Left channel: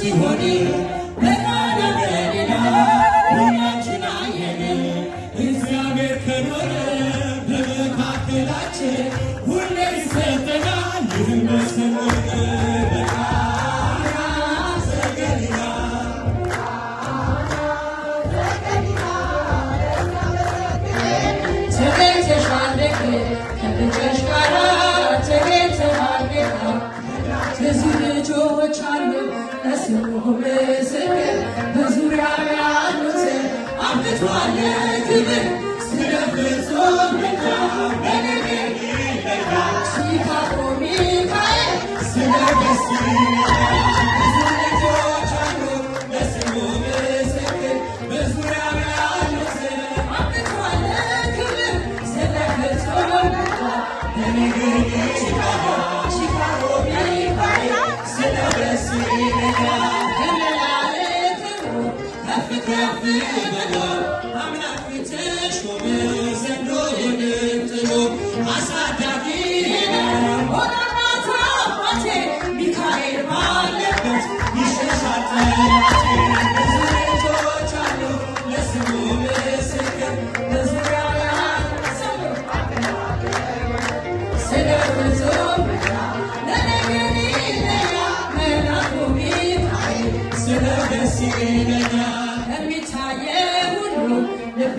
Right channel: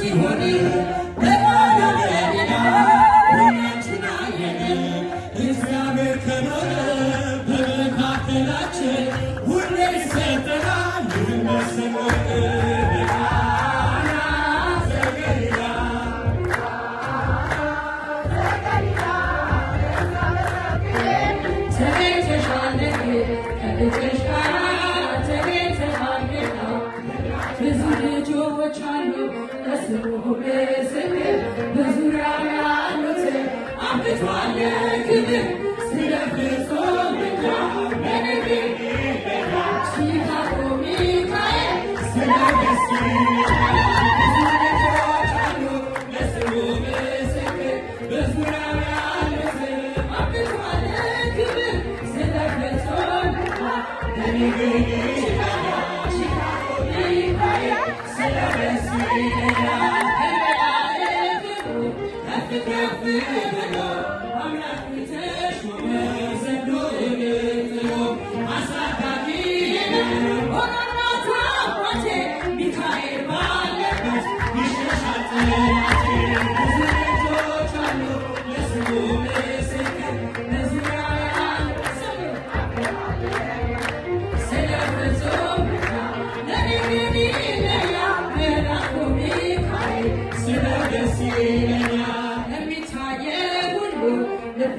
ሲሆን በቃና በሌላ ሁላችን አየን። እግዚአብሔር ከኖረ በመካከላችን ሁሌ ይሰጠናል ይመስገን። ብዙ ልጆች አሉ ለስሙ ምስክር በዙሪያው ያሉትን አብዝቷል ክብር ስለ ፍጹም ምልጃው በነገር ይለያል ሲካሮ ሚካኤል ስለ ደስ ይላል። ብዙ ልጆች አሉ ለስሙ ምስክር በዙሪያው ያሉትን አብዝቷል ክብር ስለ ፍጹም ምልጃው በነገር ይለያል ሚካኤል ባለበት ይሸሻል ልጆች አሉ ለስሙ ምስክር በዙሪያው ያሉ ስለ ፍጹም ስለ ደስ ይለኛል ከሚታየው ሁሉ ልቤ